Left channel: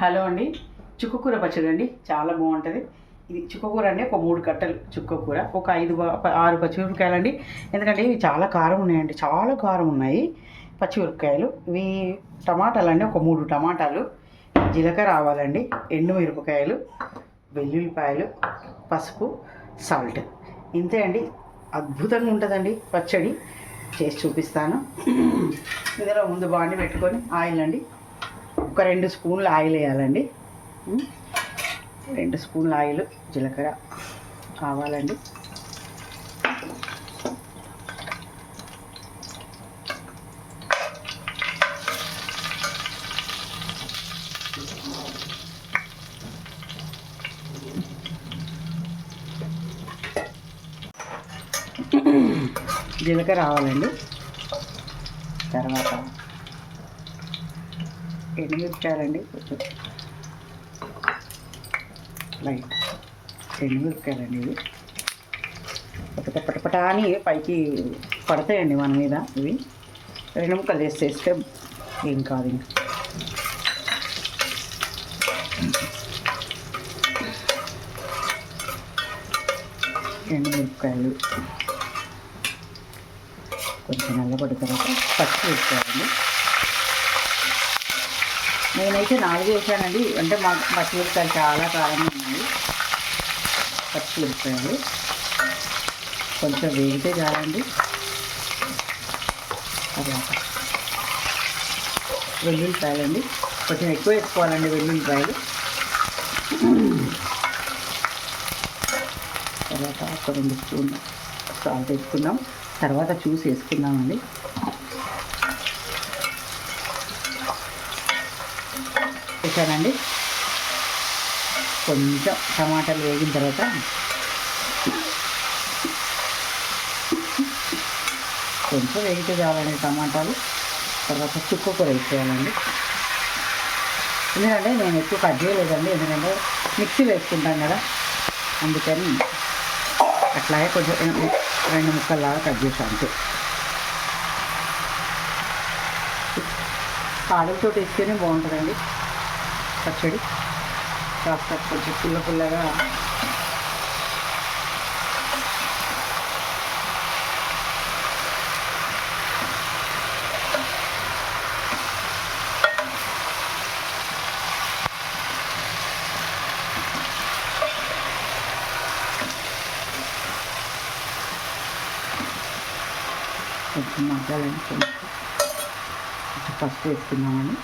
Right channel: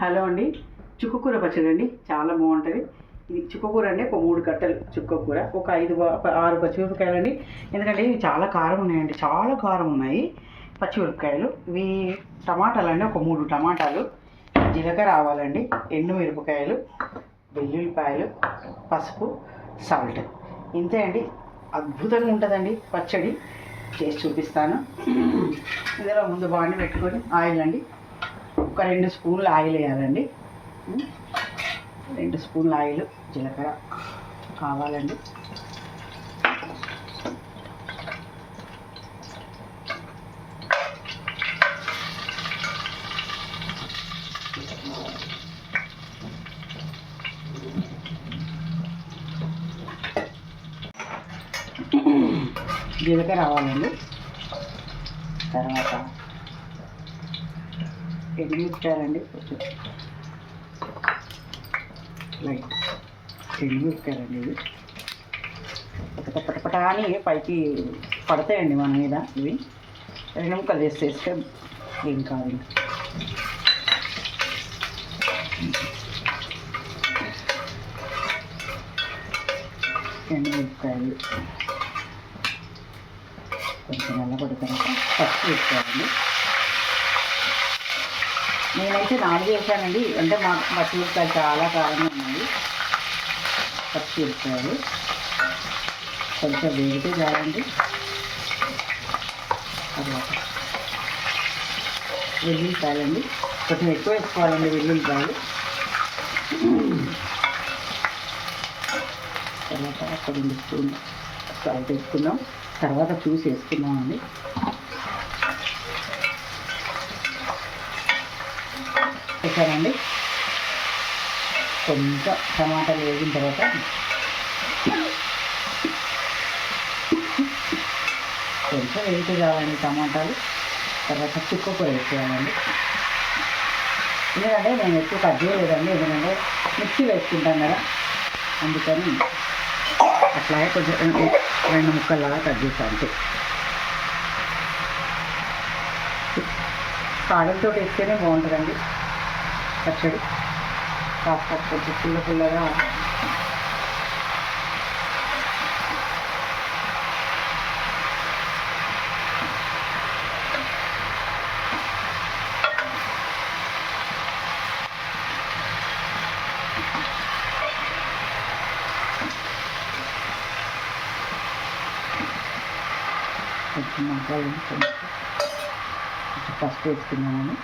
Hello అండి, చుక్కకూర పచ్చడి అండి. చాలా బాగుంటుంది. ఇది చుక్కకూర అండి. ఒక 3 కట్టలు చుక్కకూర, ఒక 6 పచ్చిమిరపకాయలు అండి. ఎందుకంటే ఇవి చాలా కారం ఉన్నాయండి, చాలా కారం ఉన్నాయి పచ్చిమిరపకాయలు. ఇవి టమాటాలు అండి, ఒక 3 టమాటాలు, జీలకర్ర ఆవాలండి, ఎండుమిరపకాయలు, వెల్లుల్లిపాయలు, పసుపు, సాల్ట్. ఇంతే అండి. అద్భుతంగా ఉంటుందండి పచ్చడి. చేసి చూపిస్తాను. ఇందులో ముందు బాండి పెట్టుకొని ఆయిల్ అండి, ఒక 2 స్పూన్లు ఆయిల్ వేయాలండి. 2 స్పూన్ల ఆయిల్, జీలకర్ర కావాలండి. జీలకర్ర రావాలండి. తర్వాత ఎండుమిరపకాయలండి, కొంచెం లైట్ ఎండుమిరపకాయలండి. ఇవి పటపట అని పైకి పడతాయండి మన మీద. ఇవి 2 ముక్కలు వేసేస్తే ఏం కాదు. ఎండుమిరపకాయలు కొంచెం నల్లబడి తర్వాత పసుపు వేసుకోవాలండి. నేనైతే 4 వేసానండి, అంటే మా పచ్చిమిరపకాయలు చాలా కారంగా ఉన్నాయి. పచ్చిమిరపకాయలు కొంచెం వేగితే చాలండి. తర్వాత వెల్లుల్లిపాయలండి, కొంచెం ఎక్కువ వేసుకోవాలండి వెల్లుల్లిపాయలు. తర్వాత ఒక 2 స్పూన్లు సాల్ట్ వేసుకున్నాం. తర్వాత చూసి వేసుకున్నామండి. వేసానండి. కొంచెం టమాటాలు వేగిన తర్వాత కొంచెం వేగితే చాలండి టమాటాలు. తర్వాత చుక్కకూర వేసుకోవాలండి. ఎందుకంటే నేను ఎక్కువ కట్ చేయలేదండి, ఎందుకంటే మిక్సీలో వేసుకుంటాను కదా, అందుకని అట్లాగే కొంచెం 2 ముక్కల్లాగా కట్ చేసాను అంతే. కాడలతో వేస్తేనే బాగుంటుందండి పచ్చడి. కాస్త కొంచెం పుల్లగా కొంచెం మగ్గాలండి. కొంచెం పసుపు వేసుకున్నామని.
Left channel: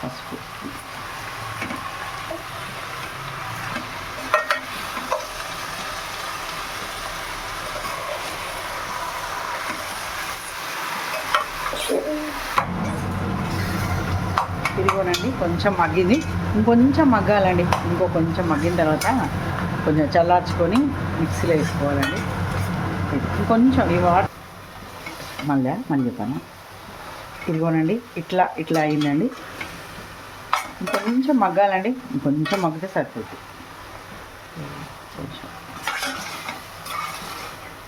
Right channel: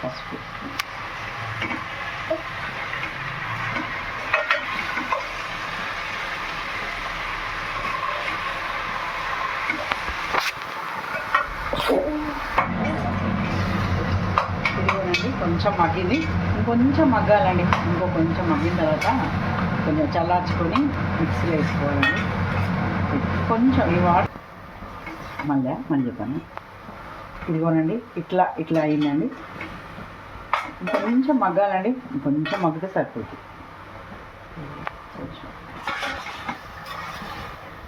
పసుపు ఇదిగోనండి, కొంచెం మగ్గింది. ఇంకొంచెం మగ్గాలండి. ఇంకో కొంచెం మగ్గిన తర్వాత కొంచెం చల్లార్చుకొని మిక్సీలో వేసుకోవాలండి. కొంచెం ఈ వాటర్ మళ్ళీ చెప్పాను. ఇదిగోనండి, ఇట్లా అయిందండి. ఇంకొంచెం మగ్గాలండి. ఇంకొంచెం మగ్గితే సరిపోతుంది.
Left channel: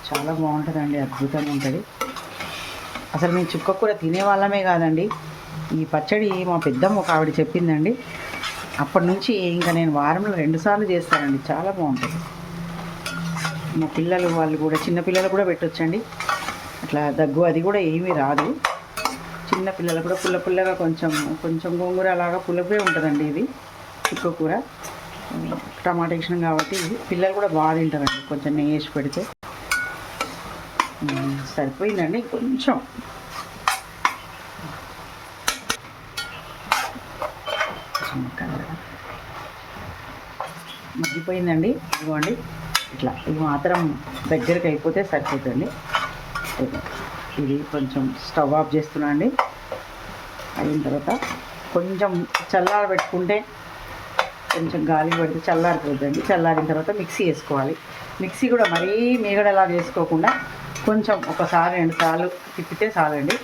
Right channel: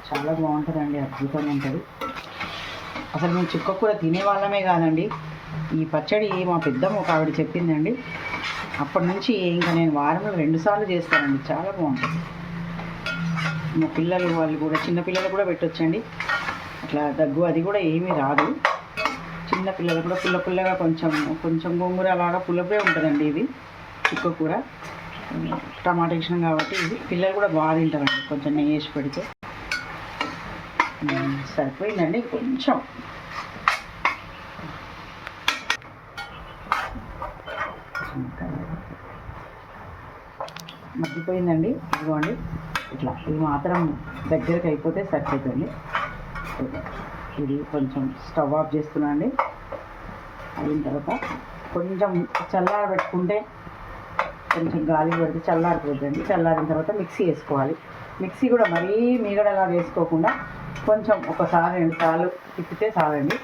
చాలా బాగుంటుందండి, అద్భుతంగా ఉంటుంది. అసలు మేము చుక్కకూర తినేవాళ్ళమే కాదండి, ఈ పచ్చడి మా పెద్దమ్మ ఒక ఆవిడ చెప్పిందండి. అప్పటి నుంచి ఇంకా నేను వారంలో 2 సార్లు చేస్తానండి. చాలా బాగుంటుంది. మా పిల్లలు వాళ్ళు కూడా, చిన్నపిల్లలు కూడా పెట్టొచ్చండి. అట్లా దగ్గు అది కూడా ఏమీ రాదు. చిన్నపిల్లలు కూడా పుల్లగా కొంచెం గోంగూర అలాగా పుల్లపే ఉంటుందండి. ఇది చుక్కకూర టమాటా వేసినాం కాబట్టి ఇది పిల్లలు కూడా బాగా తింటారండి. కొంచెం నెయ్యి వేసి పెడితే సరిపోయిందండి. కొంచెం మగ్గిపోయిందండి. ఇదిగోండి, ఇది మాత్రం దగ్గరికి అయిపోతే సరిపోతుంది. ఇది కొంచెం స్టవ్ ఆఫ్ చేస్తున్నా అండి. అయిన తర్వాత కొంచెం చల్లారబెట్టుకుంటే, కొంచెం గాలి పడితే చల్లారిపోద్దండి. చల్లారిన తర్వాత మిక్సీ వేసుకోవాలి. మిక్సీ కూడా మరీ మీగడలా వేసుకోకుండా కొంచెం ఒకసారి 2 సార్లు తిప్పితే చాలండి.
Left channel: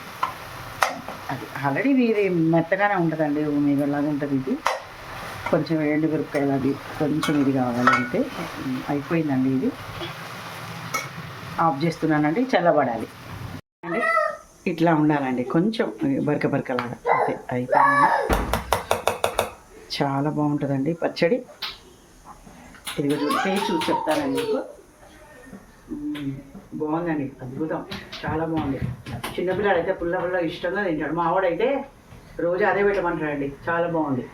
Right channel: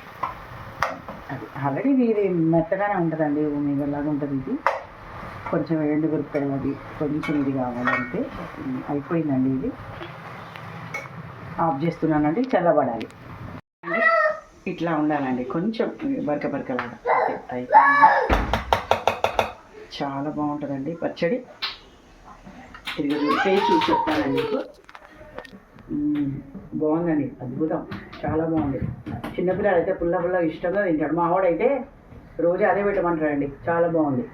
అది ఆల్రెడీ ఇది మెత్తగానే ఉంటుందండి, మీగడలాగా ఉంటుంది. ఇది కొంచెం ఎండుమిరపకాయలు అది కొంచెం ఇది కావాలంటే అయిపోయిందండి. ఇది ఆఫ్ చేస్తున్నానండి, చల్లబడాలి అండి. ఇట్లా ఉండాలండి, కొంచెం బరక బరకలాగా అంతే అయితే చాలా బాగుంటుందండి పచ్చడి. ఇది టేస్ట్ చూసి చెప్తానండి మీకు. బాగుందండి, అద్భుతం, చాలా బాగుంది. చిన్నపిల్లాడు అయితే పుల్ల పుల్ల ఇష్టంగా తింటాడు. మా వాడైతే రోజు అదే పెట్టమంటాడండి, చాలా బాగుంది.